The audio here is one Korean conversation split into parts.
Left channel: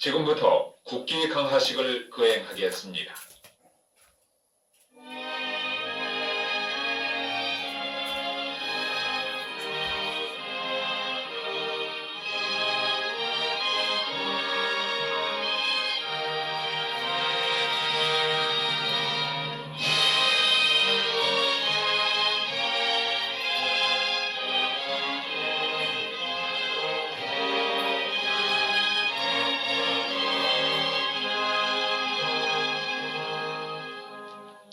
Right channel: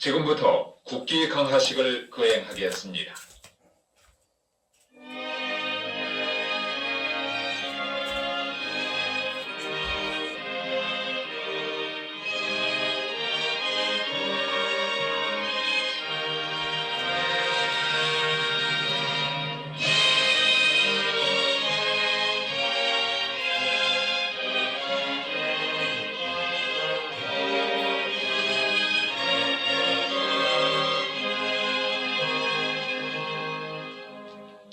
지금부터 국기 강화식을 거행하겠습니다.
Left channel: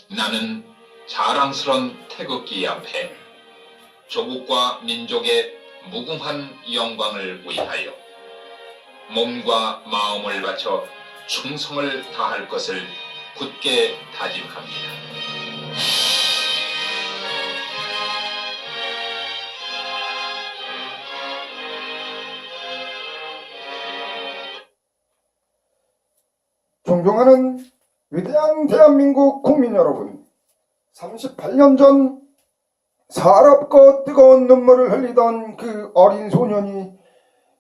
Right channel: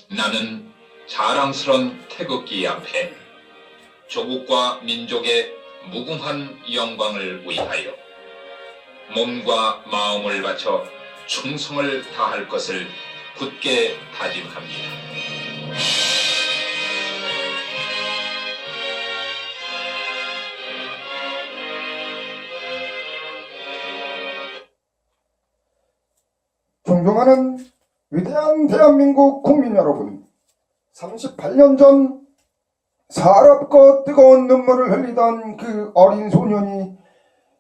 나는 자랑스런 태극기 앞에 조국과 민족의 무궁한 영광을 위하여 몸과 마음을 바쳐 충성을 다할 것을 굳게 다짐합니다. 존경하는 위대한 대한민국 국민 여러분, 38년 전 서럽고 뜨거운 눈물을 흘리던 그 어린 소년이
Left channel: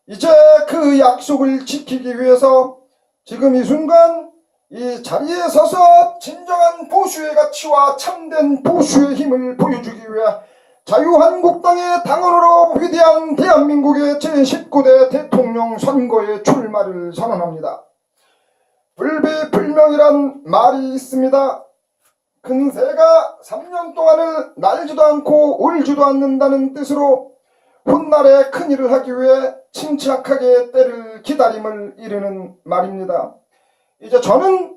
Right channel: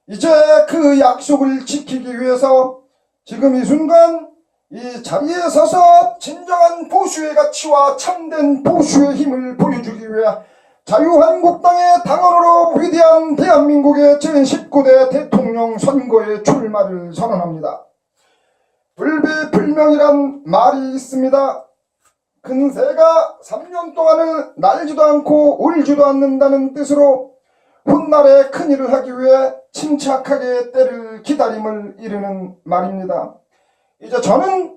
이제 그 약속을 지키기 위해서 지금 이 순간 이 자리에 서서 진정한 보수의 가치와 참된 보수의 힘을 보여주기 위해 자유한국당의 당원으로 위대한 대한민국의 제19대 대통령 선거에 출마를 선언합니다. 불비불명이란 말이 있습니다. 큰 새가 3년 동안을 날지도 않고 울지도 않는다는 뜻으로 훗날에 큰일을 하기 위해 침착하게 때를 기다림을 이르는 말입니다. 이제 저는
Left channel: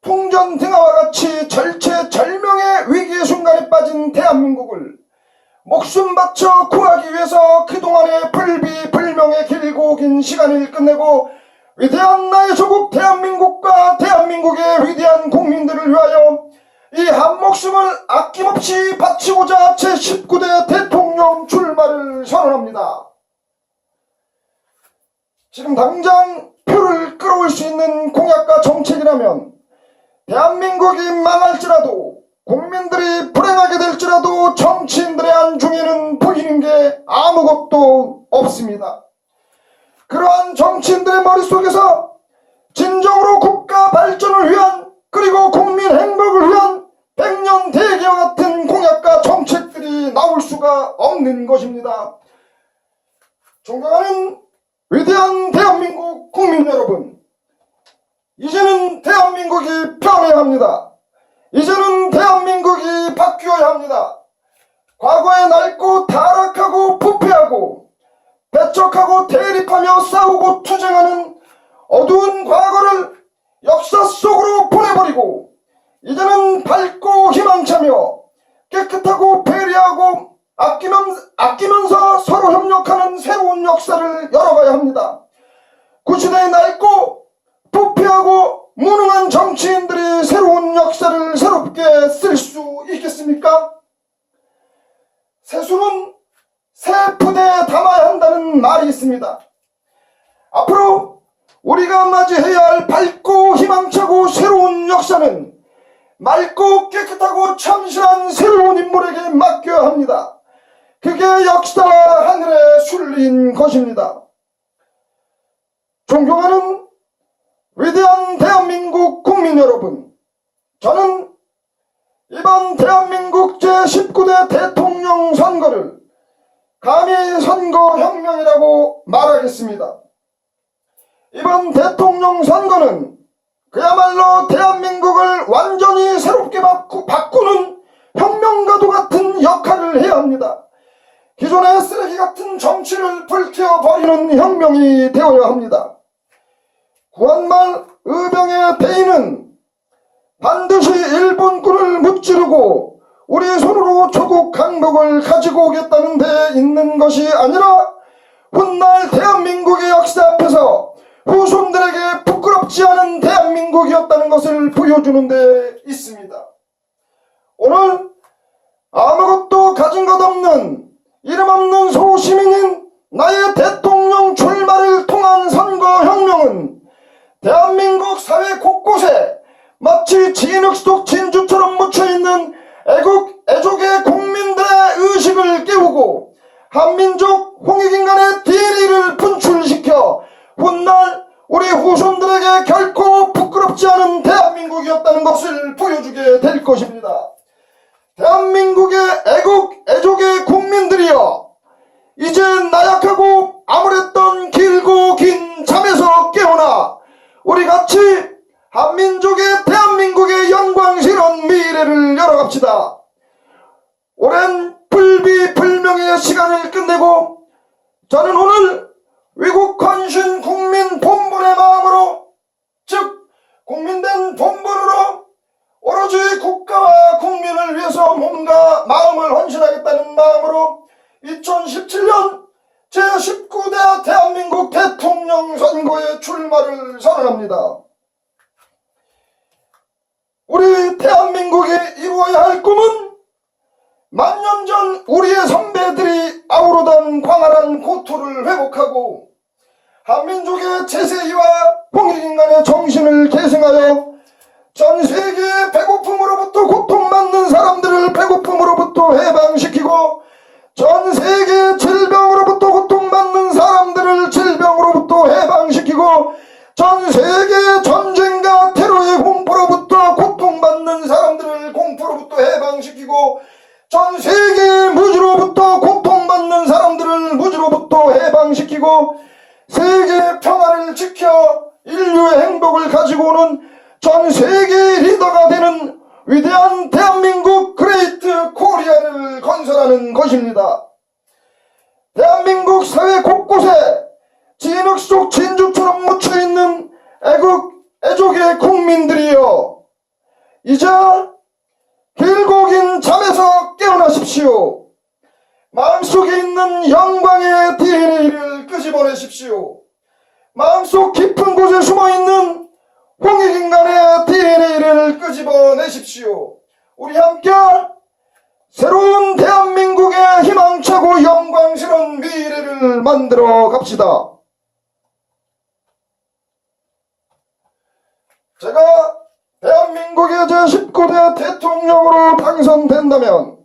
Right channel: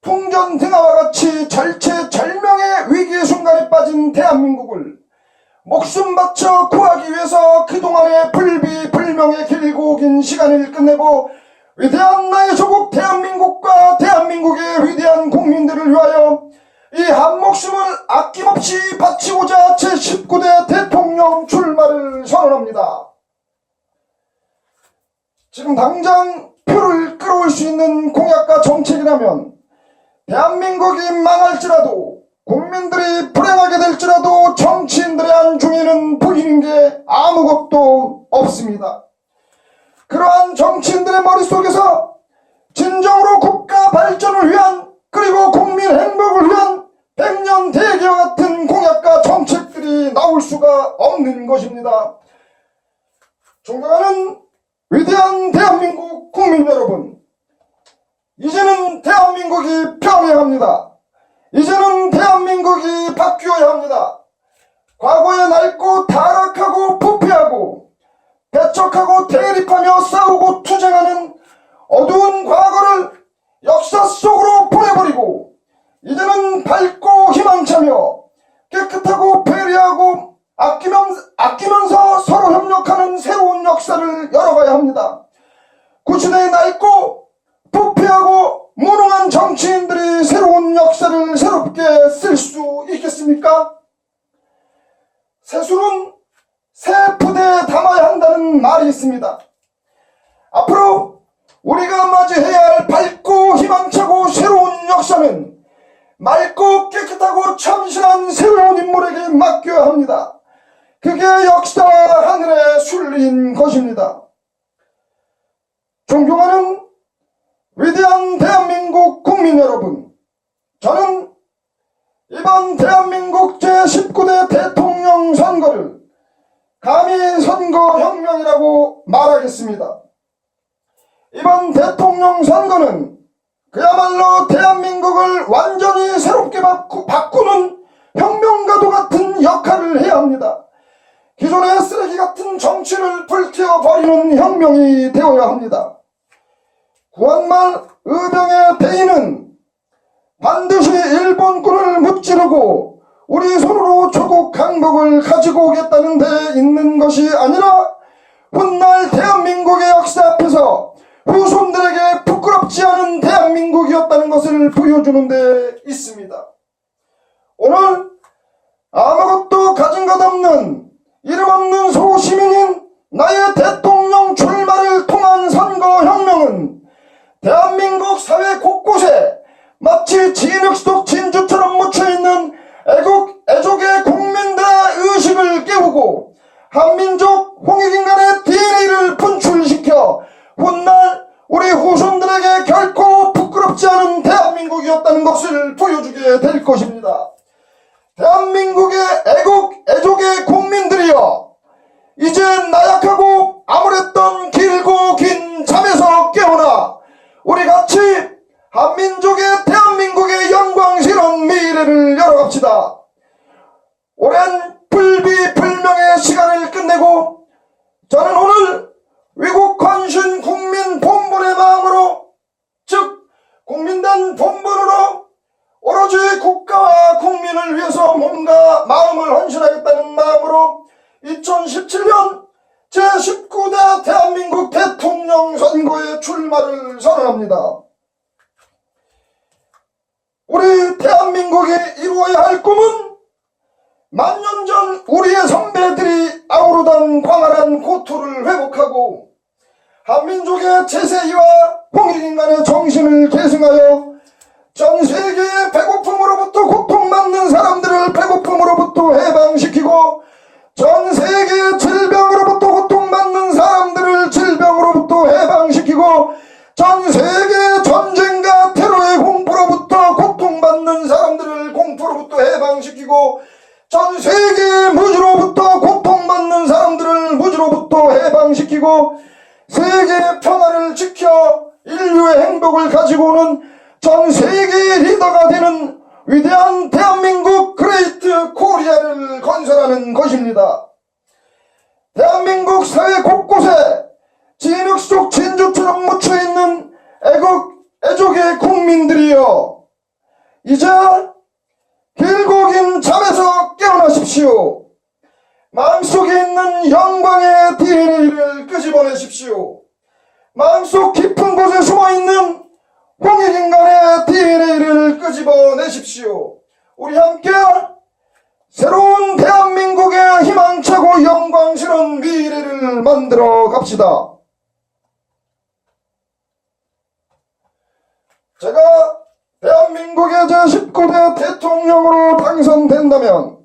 풍전등화와 같이 절체절명의 위기의 순간에 빠진 대한민국을 목숨 바쳐 구하기 위해서 그동안의 불비불명의 길고 긴 시간을 끝내고 위대한 나의 조국 대한민국과 대한민국의 위대한 국민들을 위하여 이 한 목숨을 아낌없이 바치고자 제19대 대통령 출마를 선언합니다. 지금 당장 표를 끌어올 수 있는 공약과 정책이라면 대한민국이 망할지라도 국민들이 불행하게 될지라도 정치인들의 안중에는 보이는 게 아무것도 없습니다. 그러한 정치인들의 머릿속에서 진정으로 국가 발전을 위한 그리고 국민 행복을 위한 백년 대계와 같은 공약과 정책들이 나올 수가 없는 것입니다. 존경하는 위대한 대한민국 국민 여러분, 이제는 대한민국이 변해야 합니다. 이제는 대한민국이 바뀌어야 합니다. 과거에 낡고 타락하고 부패하고 배척하고 대립하며 싸우고 투쟁하는 어두운 과거를 역사 속으로 보내버리고 이제는 밝고 희망차며 깨끗하고 배려하고 아끼면서 서로 협력하는 새로운 역사를 열어가야 합니다. 구시대에 낡고 부패하고 무능한 정치인들이 새로운 역사를 새롭게 쓸 수 있겠습니까? 세수는 새 푸대에 담아야 한다는 말이 있습니다. 앞으로 우리가 맞이해야 할 밝고 희망차고 새로운 역사는 맑고 깨끗하고 참신한 새로운 인물에게 맡겨야 합니다. 그게 역사와 하늘의 순리인 것입니다. 존경하는 위대한 대한민국 국민 여러분, 저는 이번 대한민국 제19대 대통령 선거를 감히 선거혁명이라고 말하겠습니다. 이번 대통령 선거는 그야말로 대한민국을 완전히 새롭게 바꾸는 혁명가도 같은 역할을 해야 합니다. 기존의 쓰레기 같은 정치를 불태워버리는 혁명이 되어야 합니다. 구한말 의병의 대의는 반드시 일본군을 무찌르고 우리 손으로 조국 항복을 가지고 오겠다는 데 있는 것이 아니라 훗날 대한민국의 역사 앞에서 후손들에게 부끄럽지 않은 대한민국이었다는 것을 보여주는 데 있습니다. 오늘 아무것도 가진 것 없는 이름 없는 소시민인 나의 대통령 출마를 통한 선거혁명은 대한민국 사회 곳곳에 마치 진흙 속 진주처럼 묻혀있는 애족의 국민들의 의식을 깨우고 한민족 홍익인간의 DNA를 분출시켜 훗날 우리 후손들에게 결코 부끄럽지 않은 대한민국이었다는 것을 보여주게 될 것입니다. 대한민국의 애족의 국민들이여, 이제 나약하고 암울했던 길고 긴 잠에서 깨어나 우리 같이 한민족의 대한민국의 영광스러운 미래를 열어갑시다. 오랜 불비불명의 시간을 끝내고 저는 오늘 위국 헌신 국민 본분의 마음으로, 즉 국민된 본분으로 오로지 국가와 국민을 위해서 몸과 마음을 헌신하겠다는 마음으로 2017년 제19대 대한민국 대통령 선거에 출마를 선언합니다. 우리 대한민국이 이루어야 할 꿈은 만년 전 우리의 선배들이 아우르던 광활한 고토를 회복하고 한민족의 제세이와 홍익인간의 정신을 계승하여 전 세계의 배고픔으로부터 고통받는 사람들을 배고픔으로부터 해방시키고 전 세계의 질병으로부터 고통받는 사람들을 질병으로부터 해방시키고 전 세계의 전쟁과 테러의 공포로부터 고통받는 사람들을 공포로부터 해방시키고 전 세계의 무지로부터 고통받는 사람들을 무지로부터 해방시키고 세계의 평화를 지켜 인류의 행복을 가지고 오는 전 세계의 리더가 되는 위대한 대한민국 그레이트 코리아를 건설하는 것입니다. 대한민국 사회 곳곳에 진흙 속 진주처럼 묻혀있는 애족의 국민들이여, 이제 길고 긴 잠에서 깨어나십시오. 마음속에 있는 영광의 DNA를 끄집어내십시오. 마음속 깊은 곳에 숨어있는 홍익인간의 DNA를 끄집어내십시오. 우리 함께 새로운 대한민국의 희망차고 영광스러운 미래를 만들어 갑시다. 제가 대한민국의 제19대 대통령으로 당선된다면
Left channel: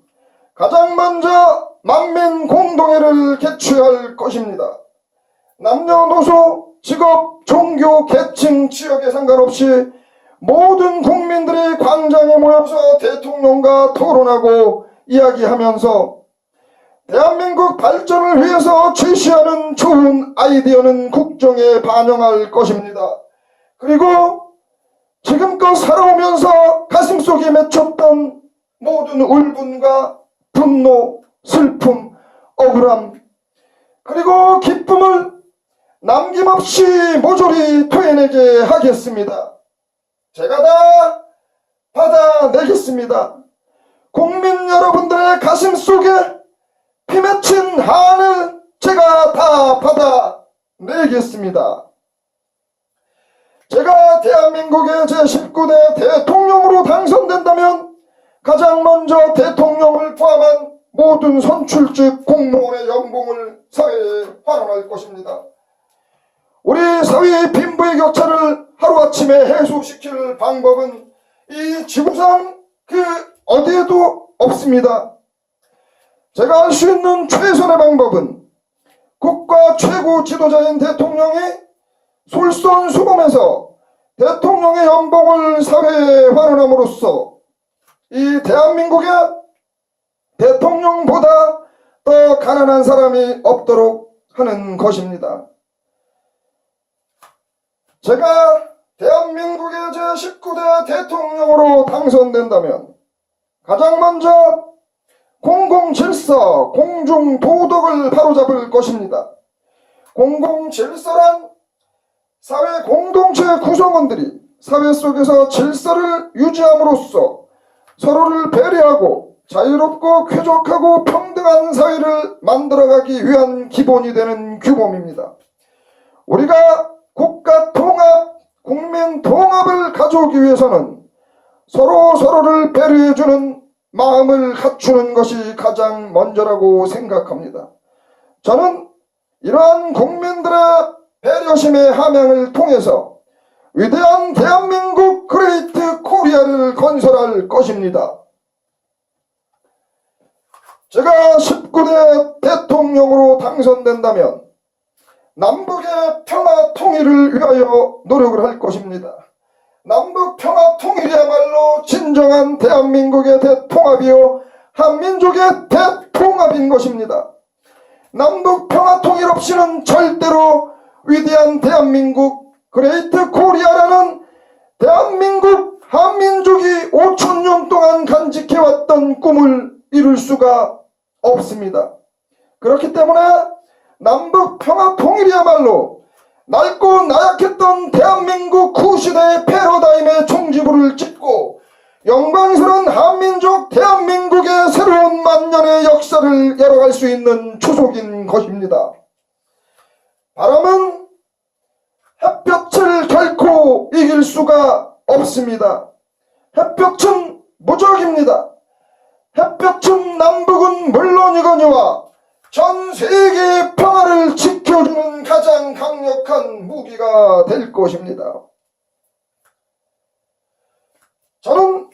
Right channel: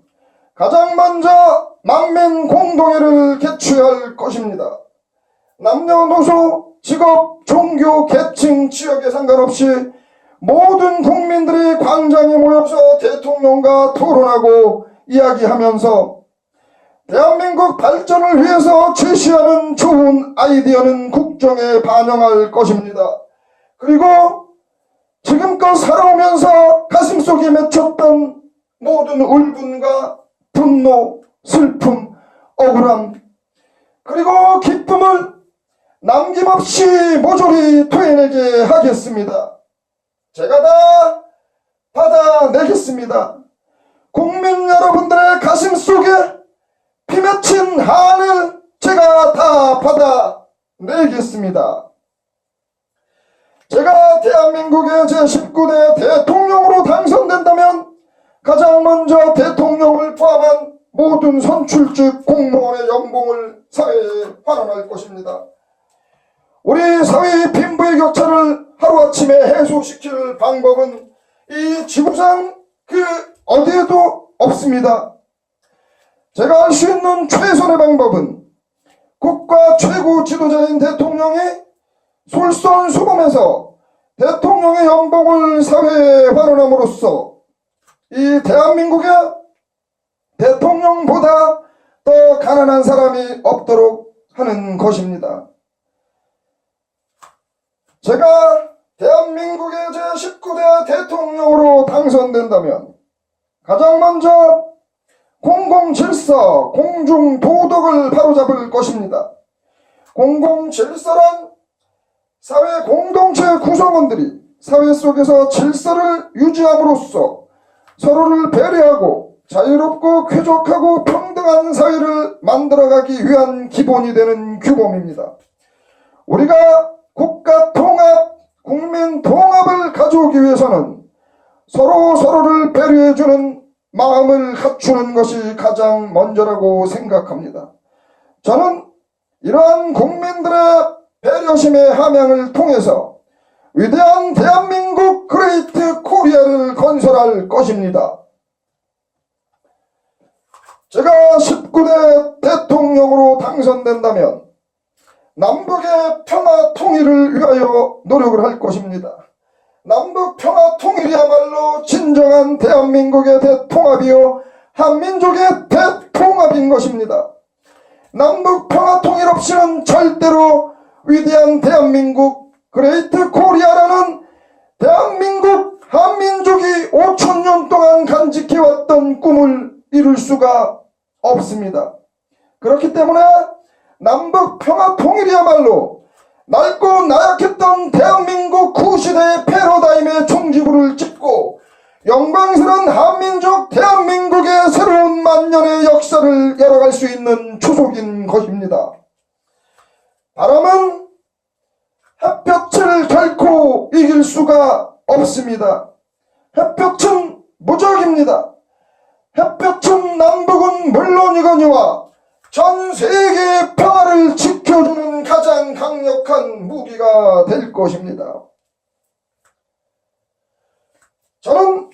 가장 먼저 만민 공동회를 개최할 것입니다. 남녀노소, 직업, 종교, 계층, 지역에 상관없이 모든 국민들이 광장에 모여서 대통령과 토론하고 이야기하면서 대한민국 발전을 위해서 제시하는 좋은 아이디어는 국정에 반영할 것입니다. 그리고 지금껏 살아오면서 가슴속에 맺혔던 모든 울분과 분노, 슬픔, 억울함, 그리고 기쁨을 남김없이 모조리 토해내게 하겠습니다. 제가 다 받아내겠습니다. 국민 여러분들의 가슴 속에 피 맺힌 한을 제가 다 받아내겠습니다. 제가 대한민국의 제19대 대통령으로 당선된다면 가장 먼저 대통령을 포함한 모든 선출직 공무원의 연봉을 사회에 환원할 것입니다. 우리 사회의 빈부의 격차를 하루아침에 해소시킬 방법은 이 지구상 그 어디에도 없습니다. 제가 할 수 있는 최선의 방법은 국가 최고 지도자인 대통령이 솔선수범해서 대통령의 연봉을 사회에 환원함으로써 이 대한민국에 대통령보다 더 가난한 사람이 없도록 하는 것입니다. 제가 대한민국의 제19대 대통령으로 당선된다면 가장 먼저 공공질서, 공중도덕을 바로잡을 것입니다. 공공질서란 사회 공동체 구성원들이 사회 속에서 질서를 유지함으로써 서로를 배려하고 자유롭고 쾌적하고 평등한 사회를 만들어가기 위한 기본이 되는 규범입니다. 우리가 국가 통합, 국민 통합을 가져오기 위해서는 서로를 배려해주는 마음을 갖추는 것이 가장 먼저라고 생각합니다. 저는 이러한 국민들의 배려심의 함양을 통해서 위대한 대한민국 그레이트 코리아를 건설할 것입니다. 제가 19대 대통령으로 당선된다면 남북의 평화 통일을 통일을 위하여 노력을 할 것입니다. 남북 평화 통일이야말로 진정한 대한민국의 대통합이요 한민족의 대통합인 것입니다. 남북 평화 통일 없이는 절대로 위대한 대한민국 그레이트 코리아라는 대한민국 한민족이 5,000년 동안 간직해왔던 꿈을 이룰 수가 없습니다. 그렇기 때문에 남북 평화 통일이야말로 낡고 나약했던 대한민국 구시대의 패러다임의 종지부를 찍고 영광스러운 한민족 대한민국의 새로운 만년의 역사를 열어갈 수 있는 초석인 것입니다. 바람은 햇볕을 결코 이길 수가 없습니다. 햇볕은 무적입니다. 햇볕은 남북은 물론이거니와 전 세계의 평화를 지켜주는 가장 강력한 무기가 될 것입니다. 저는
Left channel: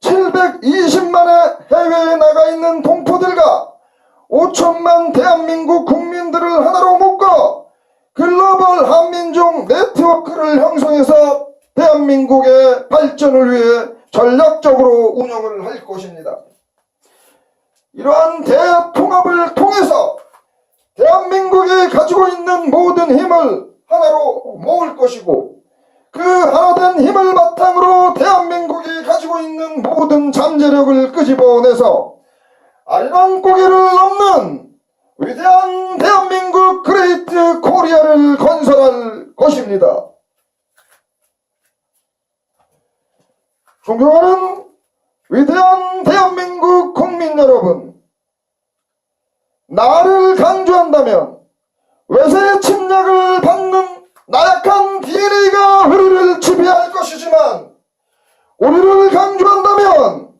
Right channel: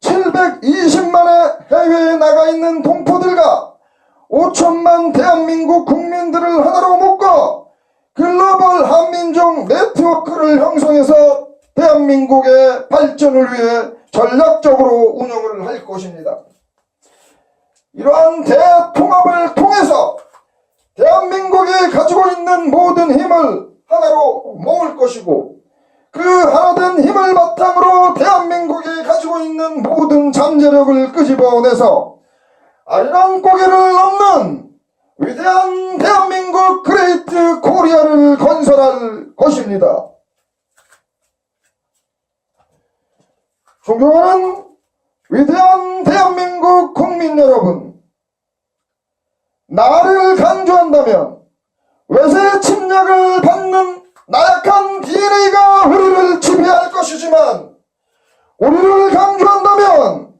720만의 해외에 나가 있는 동포들과 5천만 대한민국 국민들을 하나로 묶어 글로벌 한민족 네트워크를 형성해서 대한민국의 발전을 위해 전략적으로 운영을 할 것입니다. 이러한 대통합을 통해서 대한민국이 가지고 있는 모든 힘을 하나로 모을 것이고 그 하나된 힘을 바탕으로 대한민국이 가지고 있는 모든 잠재력을 끄집어내서 아리랑 고개를 넘는 위대한 대한민국 그레이트 코리아를 건설할 것입니다. 존경하는 위대한 대한민국 국민 여러분, 나를 강조한다면 외세 침략을 받는 나약한 DNA가 우리를 지배할 것이지만 우리를 강조한다면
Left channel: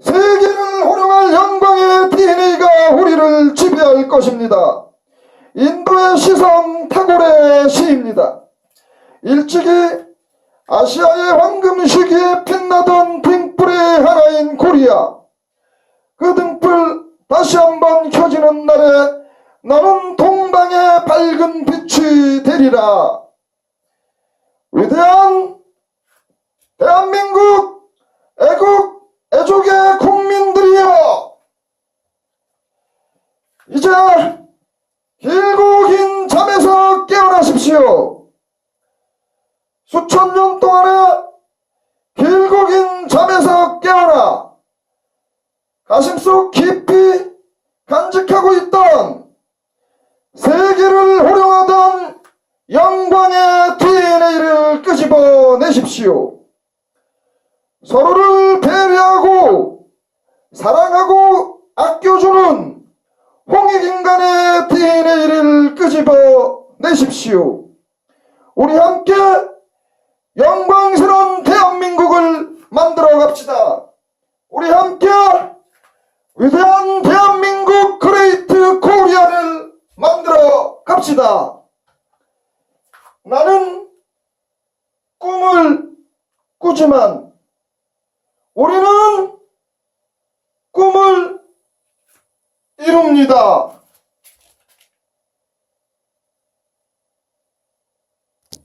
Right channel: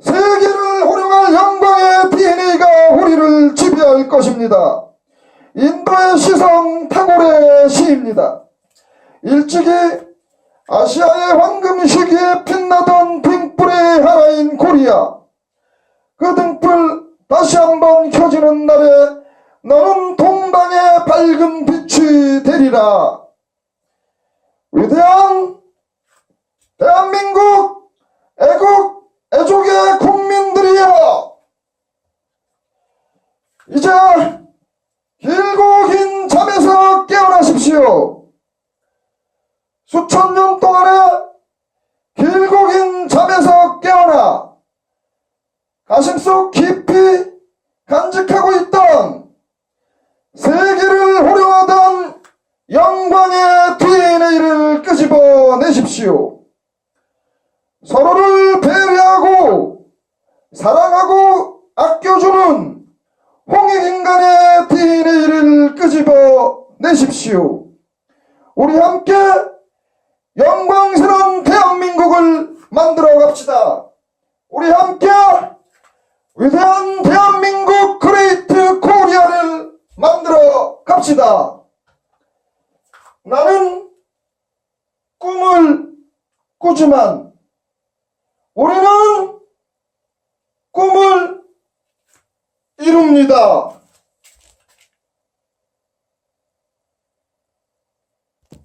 세계를 호령할 영광의 DNA가 우리를 지배할 것입니다. 인도의 시성 타고레의 시입니다. 일찍이 아시아의 황금 시기에 빛나던 등불의 하나인 코리아, 그 등불 다시 한번 켜지는 날에 너는 동방의 밝은 빛이 되리라. 위대한 대한민국 애국 애족의 국민들이여, 이제 길고 긴 잠에서 깨어나십시오. 수천 년 동안의 길고 긴 잠에서 깨어나 가슴속 깊이 간직하고 있던 세계를 호령하던 영광의 DNA를 끄집어내십시오. 서로를 배려하고 사랑하고 아껴주는 홍익인간의 DNA를 끄집어내십시오. 우리 함께 영광스러운 대한민국을 만들어 갑시다. 우리 함께 위대한 대한민국 그레이트 코리아를 만들어 갑시다. 나는 꿈을 꾸지만 우리는 꿈을 이룹니다.